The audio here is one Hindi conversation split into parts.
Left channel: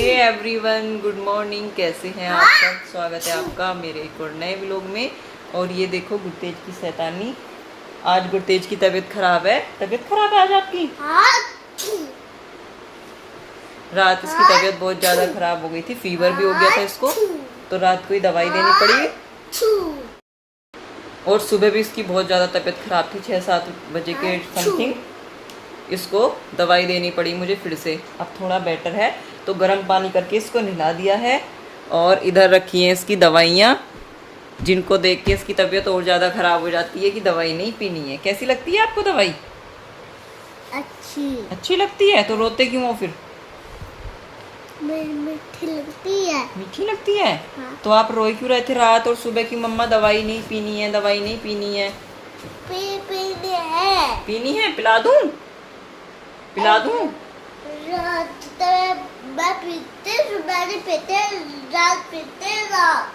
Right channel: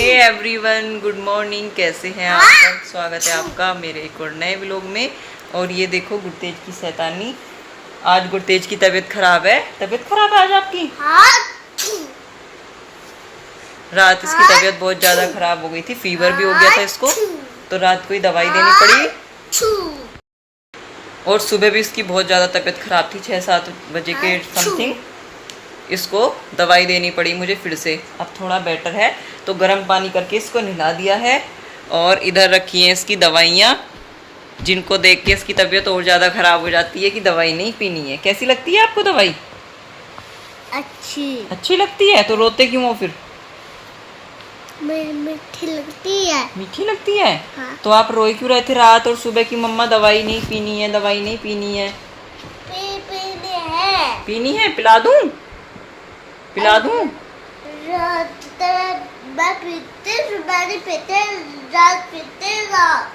Hey everyone, good morning. कैसे हैं आप सब? स्वागत है आपका मेरे एक और नए व्लॉग में। और ये देखो गुरतेज की शैतानी। आज गुरतेज की तबीयत खराब है। तबीयत खराब है आज आपकी? रात इसकी तबीयत बहुत ज़्यादा खराब हो गई थी, फीवर भी हो गया था इसको, तो रात को ही दवाई देनी पड़ी। और सुबह भी इसकी बहुत ज़्यादा तबीयत खराब थी, 6-7 बजे के समथिंग इसको दवाई देनी पड़ी मुझे फिर से। अब थोड़ा बेटर है तो गर्म पानी करके इसको नहला दिया है। और इधर रखी है इसकी दवाइयाँ, जिनको देख के इसकी तबीयत और ज़्यादा ख़राब हो जाती है कि दवाई नहीं पीनी है। कैसी लगती है आपको दवाई? अच्छी लगती है। तो रोते क्यों हो फिर? मीठी लगती है। मीठी लगती है? हाँ। तो आप रोए क्यों रहे थे रात और सुबह की? मम्मा दवाई नहीं पीनी है, दवाई नहीं पीनी है। पीनी है, पिला दूं? पिला दूं?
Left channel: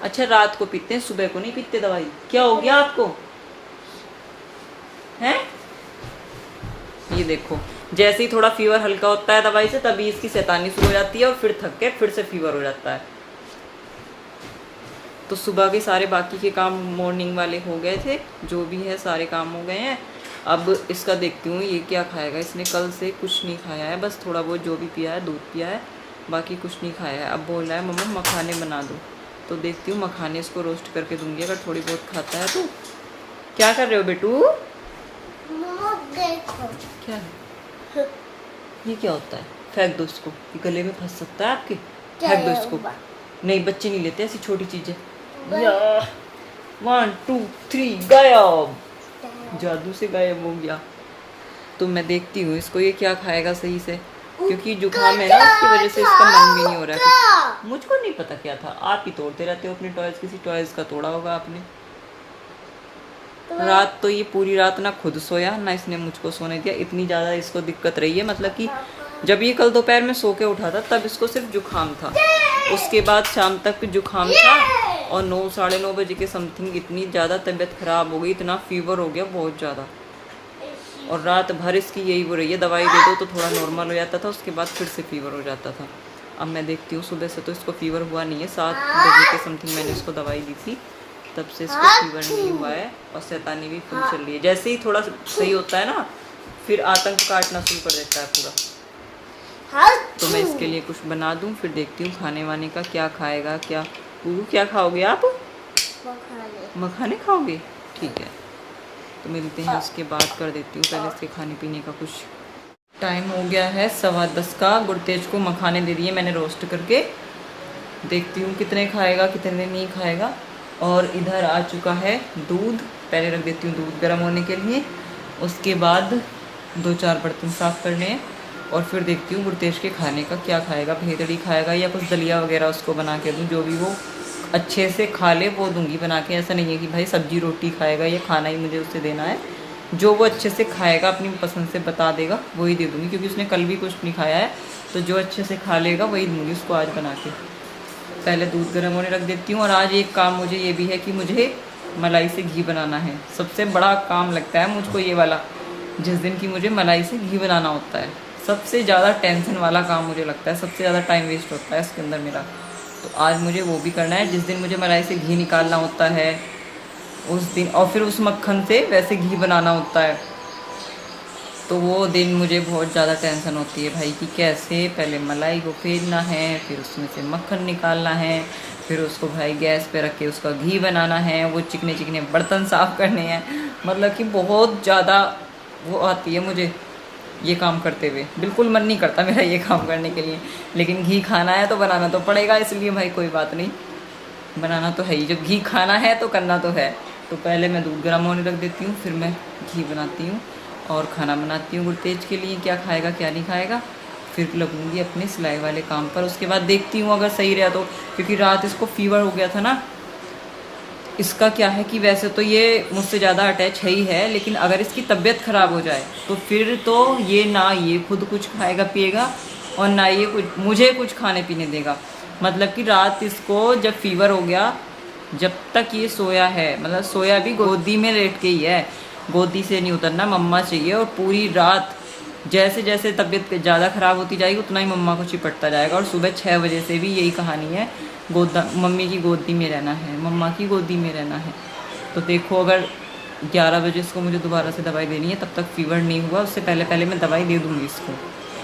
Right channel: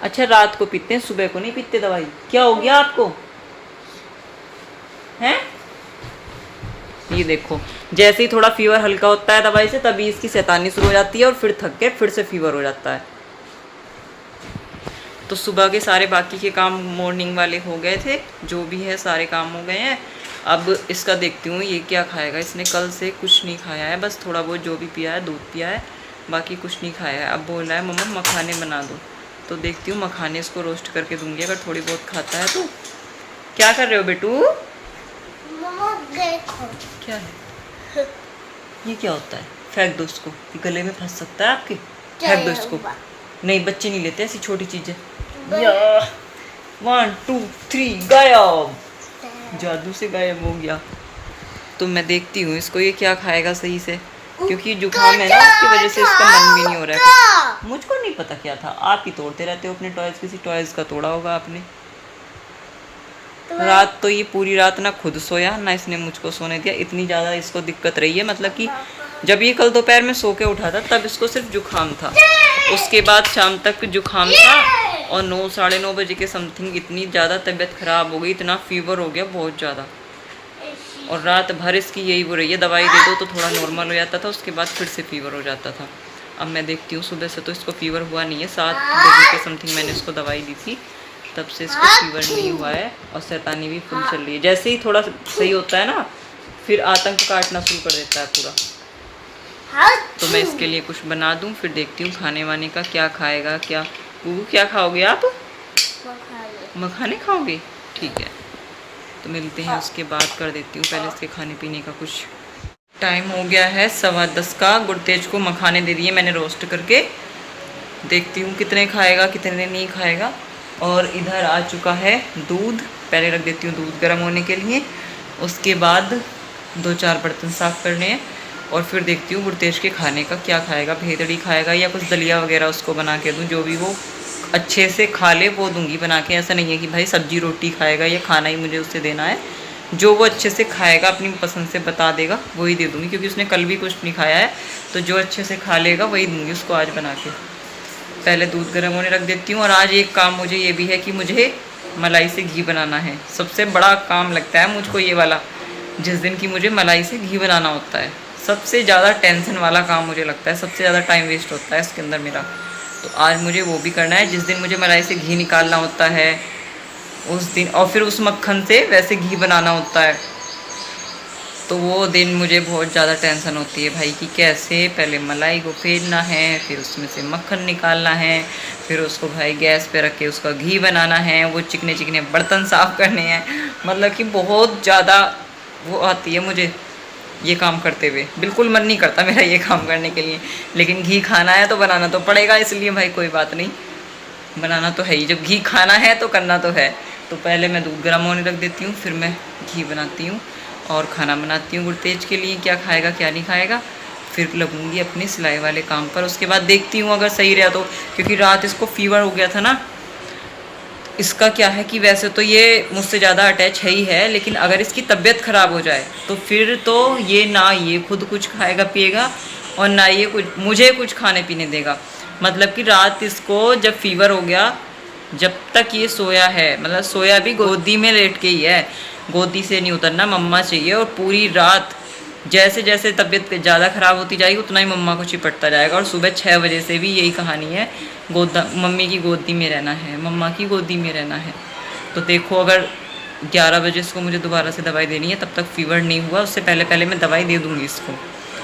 अच्छा, रात को पीते हैं, सुबह को नहीं पीते दवाई। क्या हो गया आपको? हैं? ये देखो, जैसे ही थोड़ा फीवर हल्का होता है दवाई से, तभी इसकी शैतानी शुरू हो जाती है और फिर थक के फिर से फीवर हो जाता है। तो सुबह के सारे बाकी के काम मॉर्निंग वाले हो गए थे, जो भी है सारे काम हो गए हैं। अब इसका देखती हूँ ये क्या खाएगा। इसने कल से कुछ नहीं खाया है, बस थोड़ा बहुत जो भी पिया है, दूध पिया है, बाकी कुछ नहीं खाया है। अब बोल रहा है मम्मा मखाने बना दो, तो देखती हूँ मखाने इसको रोस्ट करके दूंगी, अगर थोड़ी बहुत खाता है तो। क्या कर रहे हो बेटू? क्या है ये? क्या होता है? फेंक दो इसको, ये गले में फंस सकता है आपके। फेंक दो इसको। नहीं, बच्चे नहीं लेते ऐसी छोटी चीजें। 1 2 3 गायब। जादू से गायब हो गया। तो मैं देखती हूँ इसको ये क्या खाएगा सही से, क्योंकि जुकाम है ना, उसकी वजह से इसका मन भी नहीं हो रहा है। मुझको नहीं पता क्या था, आप ही तोड़ते रहते हो अपने टॉयज। किसी टॉयज का तोड़ा होगा आपने। रात तो ये पूरी रात ना खुद सोया ना इसने मुझको सोने दिया। इतनी ज़्यादा इसको दिक्कत रही है, मतलब कि जब ये कल दोपहर में सो के उठा था तब इसको सिर्फ जुकाम था, उसके बाद शाम तक जुकाम था, और 9-9:30 बजे के समथिंग इतनी ज़्यादा तबीयत ख़राब हो गई, इतना फीवर हो गया बहुत ज़्यादा। और रात भर इसकी यही हो रही है, दवाई दे दो तो थोड़ा नॉर्मल हो जाता था, उसके बाद फिर से फीवर हो जाता था। अब मैं देखती हूँ, सुबह से तो इसको फीवर हुआ नहीं है, 7 बजे के समथिंग मैंने इसको दवाई दी थी, तब से इसको फीवर नहीं हुआ है। और शैतानी भी फुल चल रही है। जैसे ही थोड़ा सही होता है ना, फिर आतंक काटना शुरू कर देता है पूरा। तो मैं इसके लिए कुछ बना दूं, फिर देखती हूँ खाने वाने का क्या खाएगा। क्या गुगू, क्या खाओगे आप? मखाने खाओगे? ठीक है, तो मिलते हैं उसके बाद। कर देती हूँ पहले इसके खाने पीने का कुछ। टाइम हो गया है 10:15 का। गुरतेज को मखाने दे दिए मैंने रोस्ट करके, देखती हूँ कितने खाएगा कितने नहीं खाएगा। और इधर आ चुका है दूध, पहले रख देती हूँ दूध गर्म होने के लिए, उसके बाद 2-4 बर्तन साफ़ करने हैं। और फिर देखती हूँ गुरतेज के खाने का क्या खाएगा। भेदड़ी खाएगा या कुछ दलिया वगैरह उसको बना के दूँ, जो भी वो अच्छे से खा ले वो दूंगी बना के। ऐसा नहीं है कि भाई सब्जी रोटी खाएगा, या खाना ही मुझे उससे देना है। जो वो अच्छे से खाएगा, अपनी पसंद से बता देगा, वही दे दूँगी, क्योंकि उसने कल भी कुछ नहीं खाया है। तो जो अच्छे से खा लेगा वही दूँगी उसको आज बना के। पहले दूध गर्म होने रख देती हूँ। और आज एक काम मुझे ये भी है कि मुझे मलाई से घी बनाना है। सबसे बड़ा काम लगता है मुझको ये वाला, जिस दिन की मुझे मलाई से घी बनाना होता है। सबसे ज़्यादा टेंशन वाला काम मुझे लगता है, सबसे ज़्यादा टाइम वेस्ट होता है इसके अंदर मेरा। तो आज मुझे वो भी करना है। जिस दिन मुझे मलाई से घी निकालना होता है उस दिन, और फिर उस मक्खन से वैसे घी बनाना होता है, तो वो दिन मुझे बहुत ज़्यादा टेंशन होती है भाई, कि कैसे पहले मलाई को फेरना है, फिर उसमें से मक्खन निकालना है, फिर उसको भाई गैस पे रख के उसका घी बनाना है, वो चिकने चिकने बर्तन साफ़ करने हैं। मतलब कि बहुत ज़्यादा वो आती है मुझे ये काम करते हुए। बिल्कुल मन नहीं करता मेरा ये काम करने के लिए, लेकिन घी खाना है तो बनाना तो पड़ेगा, इसलिए भाई कोई बात नहीं, बनाना तो है ही। जब घी खाना है तो करना तो है। तो पहले मैं दूध गर्म होने रख देती हूँ, फिर मैं घी बनाती हूँ और खाना बनाती हूँ गुरतेज के लिए, क्या खाएगा क्या नहीं खाएगा। फिर लगूंगी अपनी सिलाई वाले काम पर। उसके बाद देखती हूँ अगर सही रहा तो, क्योंकि रात इसको फीवर हो गया था ना। इसका क्या है कि वैसे तो ये मुझसे ज़्यादा अटैच है ही है, लेकिन अगर इसकी तबीयत ख़राब हो जाए तो फिर तो ये ना ये खुद कुछ खाएगा पिएगा, और ना ये कुछ मुझे कुछ खाने पीने देगा। मतलब कि रात इसको जब फीवर हो गया, जब तक ये सोया है, मतलब सोया भी गोदी में लेट के ही है, गोदी से नहीं उतरना, मम्मा चाहिए। और पूरी रात जैसे जैसे तबीयत ज़्यादा ख़राब होती जाएगी उतना ही मम्मा को चिपटता जाएगा। और सुबह 6 बजे से भी यही कहानी है, मम्मी की गोदी में रहना है, मम्मा की गोदी में रहना है। तो देखो अगर 11 बजे इसको मुझे दोबारा से दवाई देनी है, तब तक फीवर नहीं हुआ उससे पहले पहले मैं दवाई दे दूँगी इसको।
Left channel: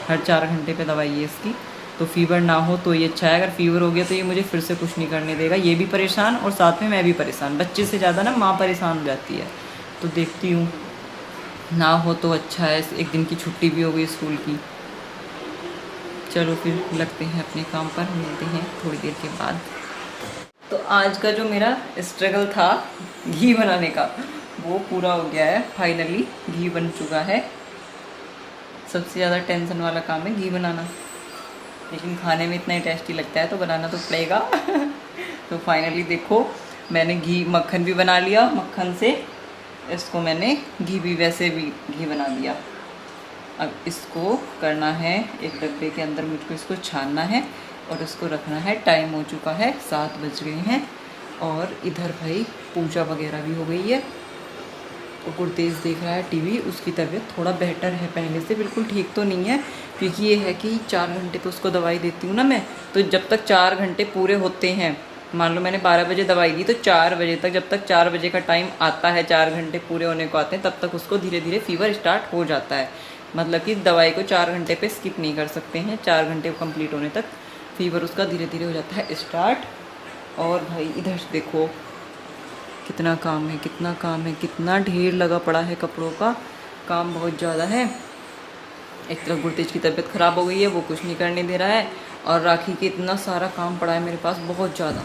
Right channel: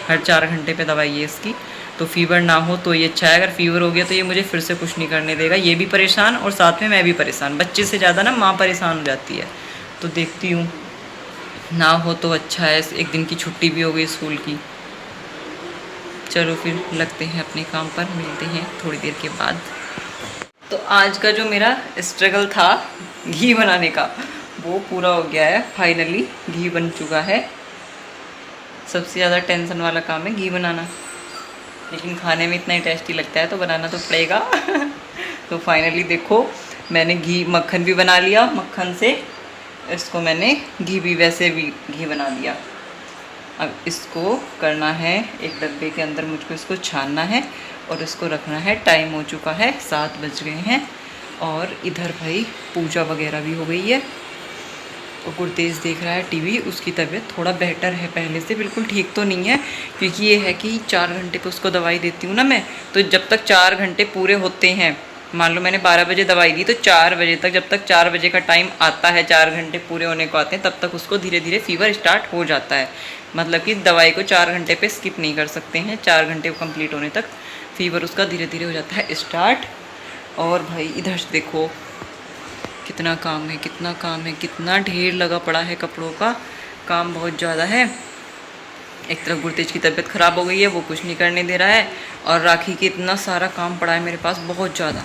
हर 4 घंटे पे दवाई है इसकी, तो फीवर ना हो तो ये अच्छा है। अगर फीवर हो गया तो ये मुझे फिर से कुछ नहीं करने देगा, ये भी परेशान और साथ में मैं भी परेशान। बच्चे से ज़्यादा ना माँ परेशान हो जाती है। तो देखती हूँ, ना हो तो अच्छा है, एक दिन की छुट्टी भी हो गई स्कूल की। चलो फिर लगते हैं अपने काम पर, मिलते हैं थोड़ी देर के बाद। तो आज का जो मेरा स्ट्रगल था घी बनाने का वो पूरा हो गया है, फाइनली घी बन चुका है। सबसे ज़्यादा टेंशन वाला काम है घी बनाना, लेकिन खाने में इतना ही टेस्टी लगता है तो बनाना तो पड़ेगा। तो फाइनली देखो मैंने मक्खन भी बना लिया, मक्खन से इसको मैंने घी भी वैसे भी घी बना दिया। अब इसको करना है एक डब्बे के अंदर, मुझको इसको छानना है और इसको रखना है। टाइम हो चुका है, 7 बज गए हैं और इधर भाई पूजा वगैरह भी हो गई है। तो गुरतेज देख रहा है टीवी, उसकी तबीयत थोड़ा बेहतर है पहले से, बिल्कुल ठीक तो नहीं है क्योंकि ये है कि 4 घंटे पे उसको दवाई देती हूँ ना मैं, तो जब तक 4 घंटे पूरे होते हैं, मान लो मैंने 12 बजे दवाई दी तो 4 बजे तक, जब तक 4 बजे का टाइम आता है, 4 घंटे पूरे होने को आते हैं, तब तक उसको धीरे धीरे फीवर स्टार्ट हो जाता है। मतलब कि दवाई को 4 घंटे पे स्किप नहीं कर सकते हैं, 4 घंटे कंप्लीट होने तक फीवर उसका धीरे धीरे हो जाता है स्टार्ट। और भाई इधर देखो कितना काम है, कितना काम है, कितना ढेर लगा पड़ा है कपड़ों का, काम बहुत ज़्यादा है। एक तरफ गुरतेज की तबीयत ख़राब हो गई है, वो कुछ नहीं करने दे रहा है, और राखी के इतना सारा काम पड़ा है मेरे पास बहुत ज़्यादा।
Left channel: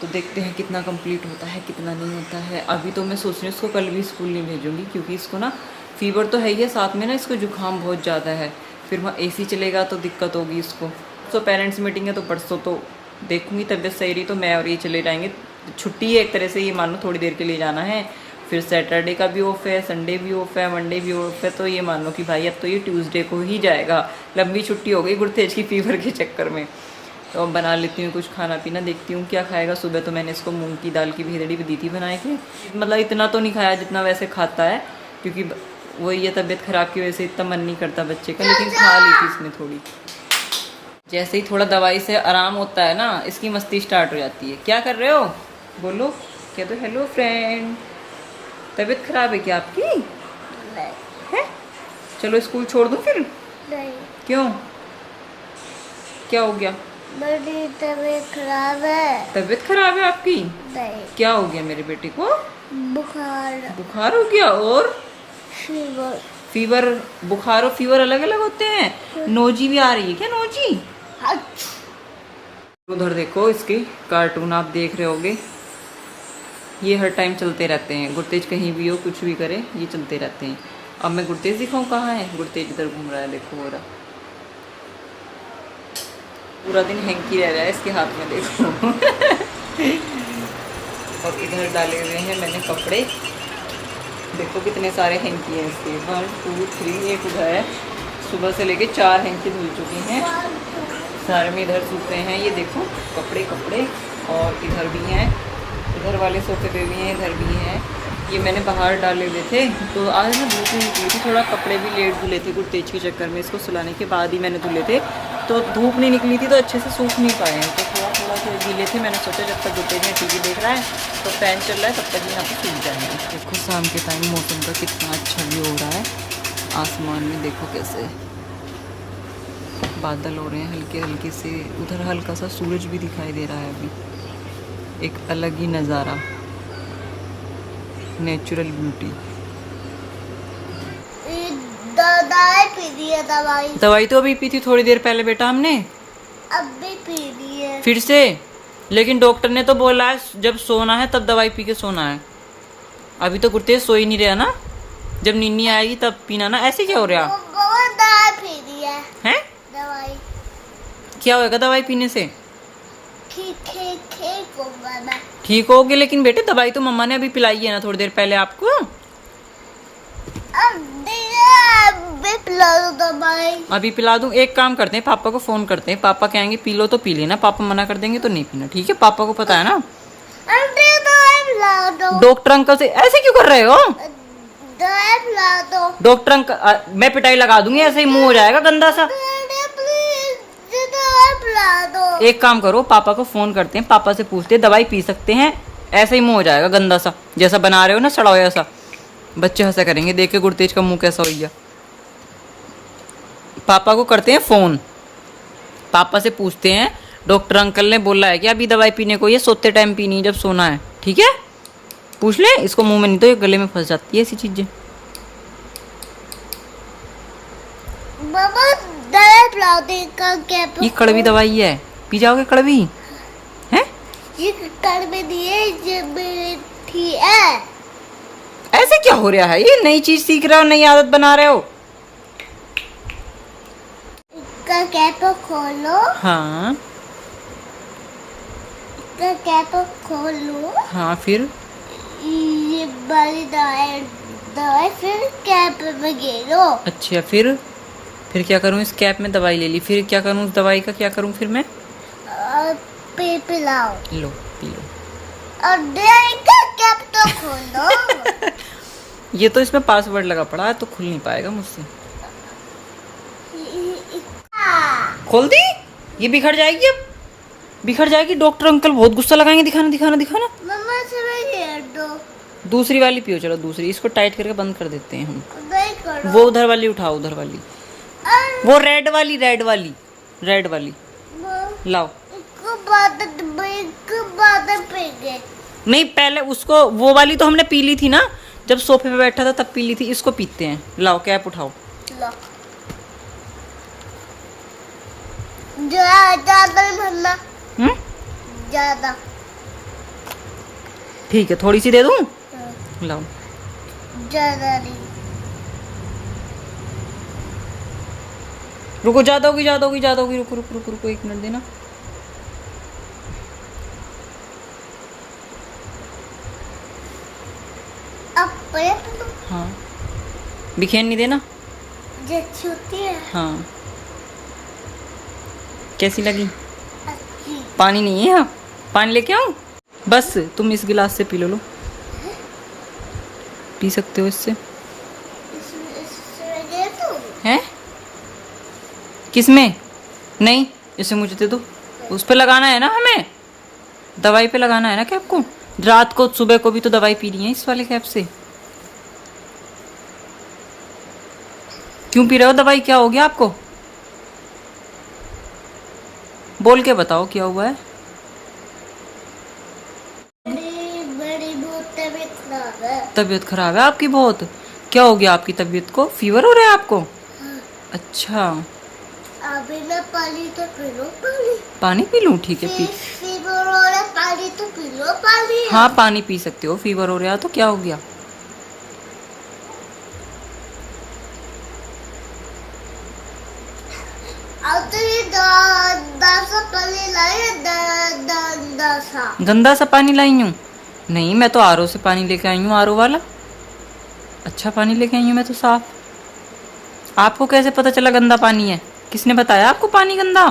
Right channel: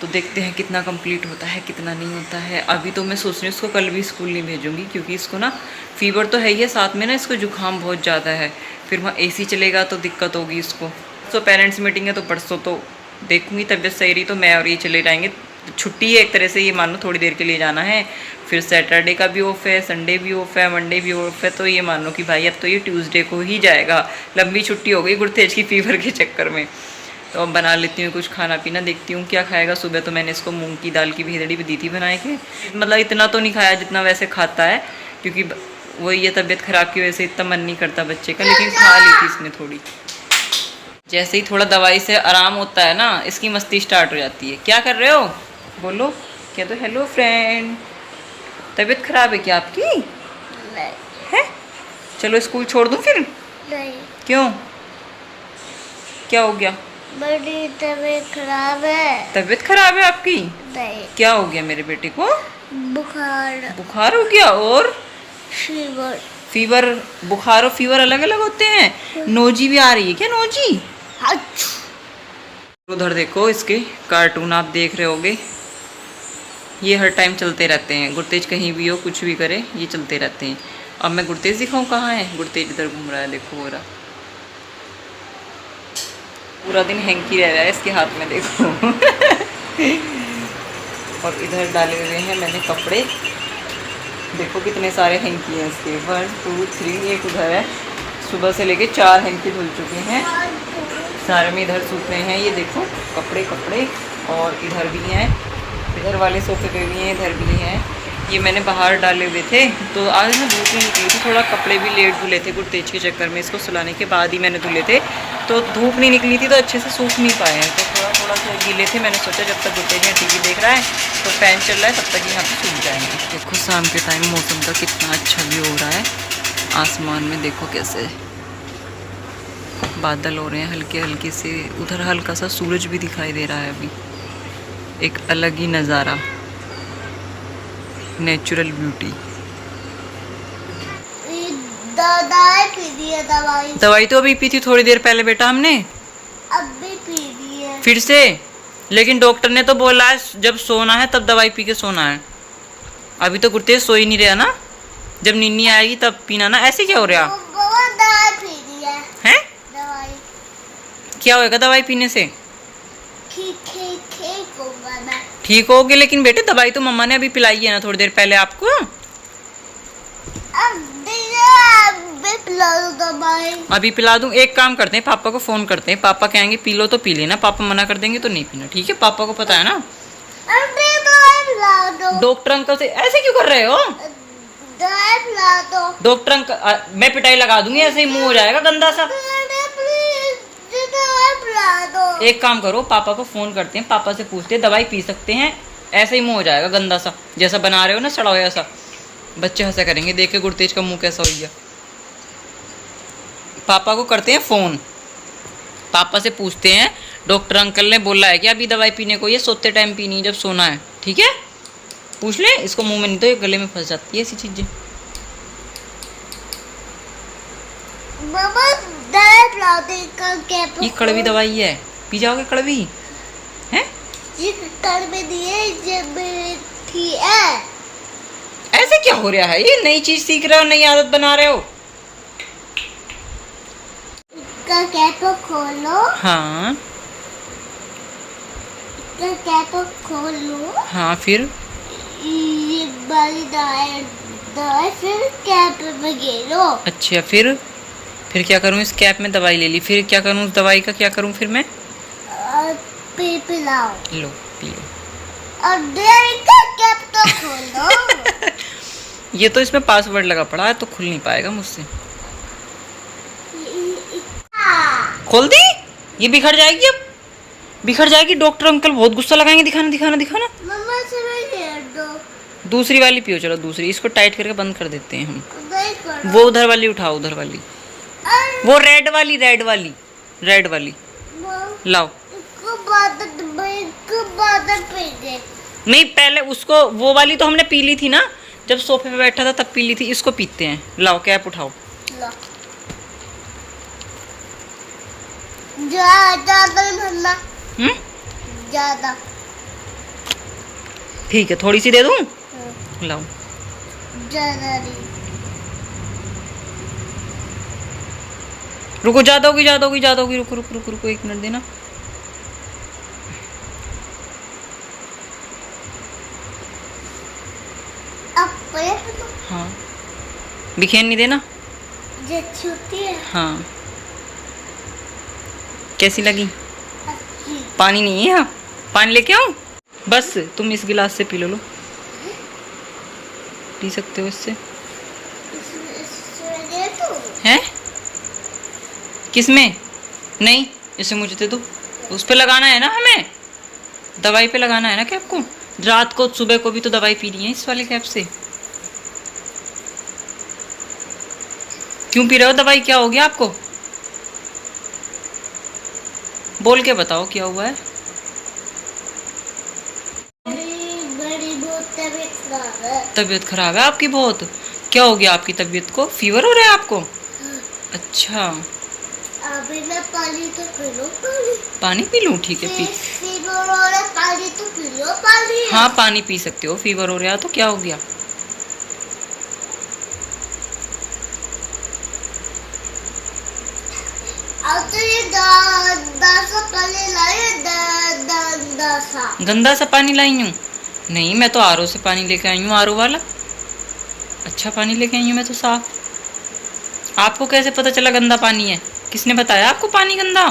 तो देखते हैं कितना कंप्लीट होता है कितना नहीं होता है। अभी तो मैं सोच रही हूँ इसको कल भी स्कूल नहीं भेजूँगी क्योंकि इसको ना फीवर तो है ही है, साथ में ना इसको जुकाम बहुत ज़्यादा है, फिर वहाँ AC चलेगा तो दिक्कत होगी इसको। तो पेरेंट्स मीटिंग है तो परसों तो देखूँगी, तबीयत सही रही तो मैं और ये चले जाएंगे। छुट्टी है एक तरह से, ये मान लो थोड़ी देर के लिए जाना है, फिर सैटरडे का भी ऑफ है, संडे भी ऑफ है, मंडे भी ऑफ है, तो ये मान लो कि भाई अब तो ये ट्यूसडे को ही जाएगा। लंबी छुट्टी हो गई गुरतेज की फीवर के चक्कर में। तो अब बना लेती हूँ कुछ खाना पीना, देखती हूँ क्या खाएगा। सुबह तो मैंने इसको मूंग की दाल की भेदड़ी भी दी थी बना के, मतलब इतना तो नहीं खाया जितना वैसे खाता है, क्योंकि वही ये तबीयत ख़राब की वजह से इतना मन नहीं करता बच्चे का, लेकिन खा ली थी इसने थोड़ी। जैसे ही थोड़ा दवाई से आराम होता है ना, इसकी मस्ती स्टार्ट हो जाती है। क्या कर रहे हो बोलो, क्या तो हेलो फ्रेंड। तबीयत ख़राब है क्या आपकी? नहीं है। चलो स्कूल छोड़ दूँ फिर? नहीं। क्यों, क्या हो गया? बड़ी तबीयत खराब है। तबीयत खराब है आपकी? नहीं। क्या हो गया मेरे बेटे को? बुखार। बुखार हो गया? और फीवर। फीवर, बुखार और फीवर अलग अलग होते हैं? नोजी भी आ रही है क्या? नोजी। उधर देखो इसके कार्टून आप देख रहे होगे, ये हर टाइम चलते रहते हैं। गुरतेज कहीं भी हो कुछ भी करे ये चलते रहते हैं। अब मैं गुरतेज दिखाऊं कहाँ है? गुरतेज इधर घूम रहा है, देखो हो रहा, पूरा दिन हैंकी रह रहा है इसके हाथ में, देखो। और इधर डाले हुए हैं मैंने कपड़े, देखो कितने सारे हैंकी हैं इसके, 1 2 3, एक उधर है। सुबह से लेके 4 हैंकी धुल चुके हैं, सारे में इधर सूख रहे हैं। ये देखो कपड़े कपड़े, और इधर भी हैं, इधर वाले सोफे पे भी हैं, इधर भी हैं। ये मैंने बाहर डाले हुए थे, तो आज ना धूप नहीं निकली थी, थोड़ा कपड़े भी लेट धुले थे गुरतेज के चक्कर में, इसको सुलाने के बाद ही मैंने धुले थे, तो धूप नहीं निकली थी तो अच्छे से सूख नहीं पाए हैं, तो थोड़ा थोड़ा से गीले थे। मैंने सोचा जब तक गुरतेज यहाँ TV देख रहा है तो फ़ैन चल रहा है, तब तक यहाँ पे सूख जाएंगे। देखो शाम के टाइम मौसम का कितना अच्छा व्यू हो रहा है, आसमान में देखो कैसे बादल हो रहे हैं हल्के हल्के से, उधर हल्का सा सूरज भी दिखाई दे रहा है। अभी एक अलग ही नज़ारा, नेचुरल ब्यूटी। दवाई तो अभी पी थी थोड़ी देर पहले बेटा हमने, अब भी पी ली है फिर से, लेकिन डॉक्टर ने तो बोला है जब सोना है तब दवाई पी के सोना है। अभी तो गुरतेज सो ही नहीं रहा ना, जब नींद आएगी तब पीना ना। ऐसे क्या हो रहा है? दवाई क्या होगा दवाई पीने से? ठीक होगी, लेकिन बेटे दवाई तो मम्मा ने अभी पिलाई है ना थोड़ी देर पहले आपको। अभी पिला दूं? एक काम करते हैं, पापा को फोन करते हैं, पापा कहेंगे पी लो तो पी लेना, पापा मना कर देंगे तो नहीं पीना, ठीक है? पापा को पता है ना। डॉक्टर अंकल से ऐसे क्यों कर रहे हो? दवाई पिला दो। डॉक्टर अंकल मैं पिटाई लगा दूंगी, ऐसे ही मुंह हो जाएगा गंदा सा। प्लीज दवाई पिला दो। एक काम करो, पापा को फोन करते हैं, पापा से पूछते हैं दवाई पी सकते हैं, ऐसे ही मुंह हो जाएगा गंदा सा, जैसा बना रहे हो ना सड़ा हुआ सा। बच्चे हंसा करेंगे देख के गुरतेज का मुंह कैसा हो गया। पापा को करते हैं फोन, पापा से पूछते हैं डॉक्टर अंकल ने बोला है कि अभी दवाई पीने को ये सोते टाइम पीनी है जब सोना है, ठीक है? पूछ ले इसको, मुंह में नहीं तो ये गले में फंस जाती है ऐसी चीजें। मामा दवाई पिला दे का क्या तो ये कड़वी दवाई है, पी जाओगे कड़वी है? ये कड़वी दिए ये मीठी है। ऐसे क्या हो रहा है? ये नई चीज सीख रहे हो, नई आदत बना रहे हो। इसका कैप खोलो। हाँ इसका कैप खोलो। हाँ फिर ये वाली दवाई फिर कैप में गिरो। अच्छा फिर क्या करूँ? इस कैप में दवाई ले ली, फिर क्या करूँ? उस दवाई का क्या करूँ फिर मैं? पिलाओ। लो पी लो। और डेयरी का कैप तो खोलो। ये तो इसमें पासवर्ड लगा पड़ा है तो खुल नहीं पाएगा मुझसे। खोल दी? ये बिखर जाएगी, अब बिखर जाएगी। डॉक्टर अंकल बहुत गुस्सा लगाएंगे। दिखाना दिखाना दिखाना। मम्मा से दो। दूसरी वाली पियो, चलो दूसरी। इसको टाइट करके बंद कर देते हैं हम। नहीं करो। वो उधर वाली उठाओ, उधर वाली, वो रेड वाली लाओ। नहीं पहले उसको, वो वाली तो हमने पी ली थी ना जब सोफे पे बैठा था तब पी ली थी। इसको पीते हैं। लाओ कैप उठाओ। ज्यादा मम्मा, ज्यादा। ठीक है, थोड़ी सी दे दूं? लाओ। ज्यादा नहीं। रुको, ज्यादा होगी। रुको 1 मिनट देना। अब हाँ बिखेर नहीं देना। ये छोटी है। हाँ कैसी लगी? अच्छी। पानी नहीं है यहाँ, पानी लेके आऊं? बस तुम इस गिलास से पी लो। पी सकते हो इससे। इसमें दे दूं? हैं? किसमें? नहीं इसे मुझे दे दो। उस पे लगाना है ना हमें, दवाई पे लगाना है ना कैप को। रात को सुबह को भी तो दवाई पीनी है इस वाले कैप से। क्यों पी रहे हो दवाई? क्या हो गया आपको? बोल के बताओ क्या हुआ है। मेरी बहुत तबीयत खराब है। तबीयत खराब है आपकी बहुत? क्या हो गया आपकी तबीयत को? फीवर हो रहा है आपको? अच्छा अभी मैं पानी तो पी लो। पानी पी लूं? ठीक है पी। फीवर हो रहा है, पानी तो पी लो। पानी हाँ पानी पी सकते हो। फीवर हो रहा है तो क्या हो गया? अब तो ये दासा पानी लाए। गंदा सा पानी लाई हूँ? नहीं मैं तो आरओ से पानी लेके आई हूँ, आरओ वाला। अच्छा पानी लेके आई हूँ मैं तो साफ। आपको कैसे पता चला गंदा पानी है? किसने बताया आपको पानी गंदा?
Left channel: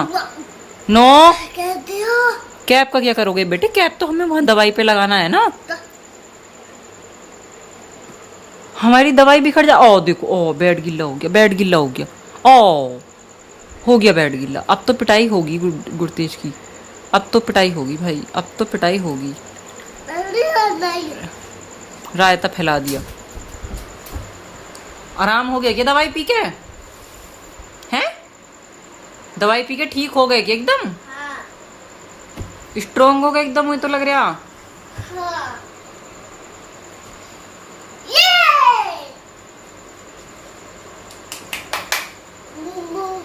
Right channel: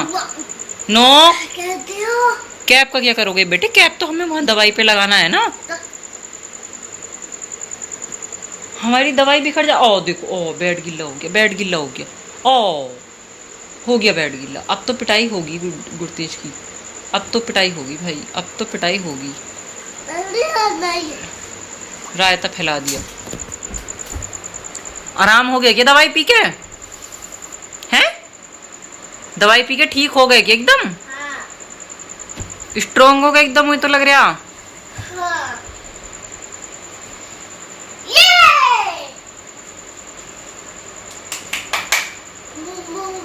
नो। कहती हो? कैप का क्या करोगे बेटे? कैप तो हमें वहाँ दवाई पे लगाना है ना। हमारी दवाई बिखर जा। ओ देखो, ओ बेड गिल्ला हो गया, बेड गिल्ला हो गया। ओ हो गया बेड गिल्ला। अब तो पिटाई होगी गुरतेज की, अब तो पिटाई होगी भाई, अब तो पिटाई होगी। रायता फैला दिया। आराम हो गया क्या दवाई पी के? हैं? दवाई पी के ठीक हो गए क्या एकदम? स्ट्रोंग हो गए एकदम, मुझे तो लग रहा। हाँ।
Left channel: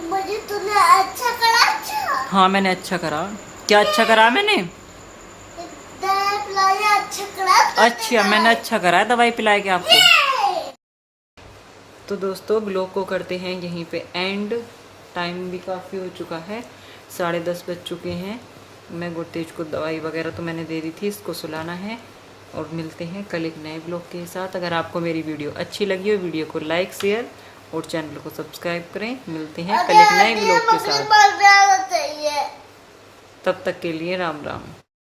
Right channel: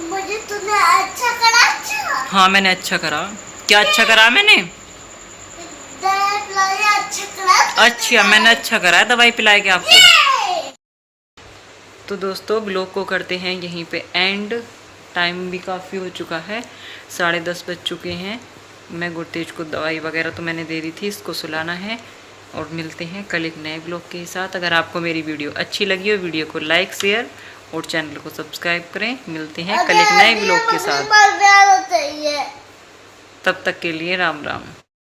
मुझे तूने अच्छा करा। अच्छा हाँ मैंने अच्छा करा। क्या अच्छा करा मैंने? दवाई पिलाई, अच्छा करा। अच्छा मैंने अच्छा करा है दवाई पिलाए के आपको। तो दोस्तों ब्लॉग को करते हैं यहीं पे एंड। टाइम भी काफ़ी हो चुका है, 10:30 बज चुके हैं। मैं गुरतेज को दवाई वगैरह तो मैंने दे दी थी, इसको सुलाना है। और मिलते हैं कल एक नए ब्लॉग के साथ। अगर आपको मेरी वीडियो अच्छी लगी हो, वीडियो को लाइक शेयर और चैनल को सब्सक्राइब करें। मिलते हैं कल एक नए ब्लॉग के साथ। तब तक के लिए राम राम।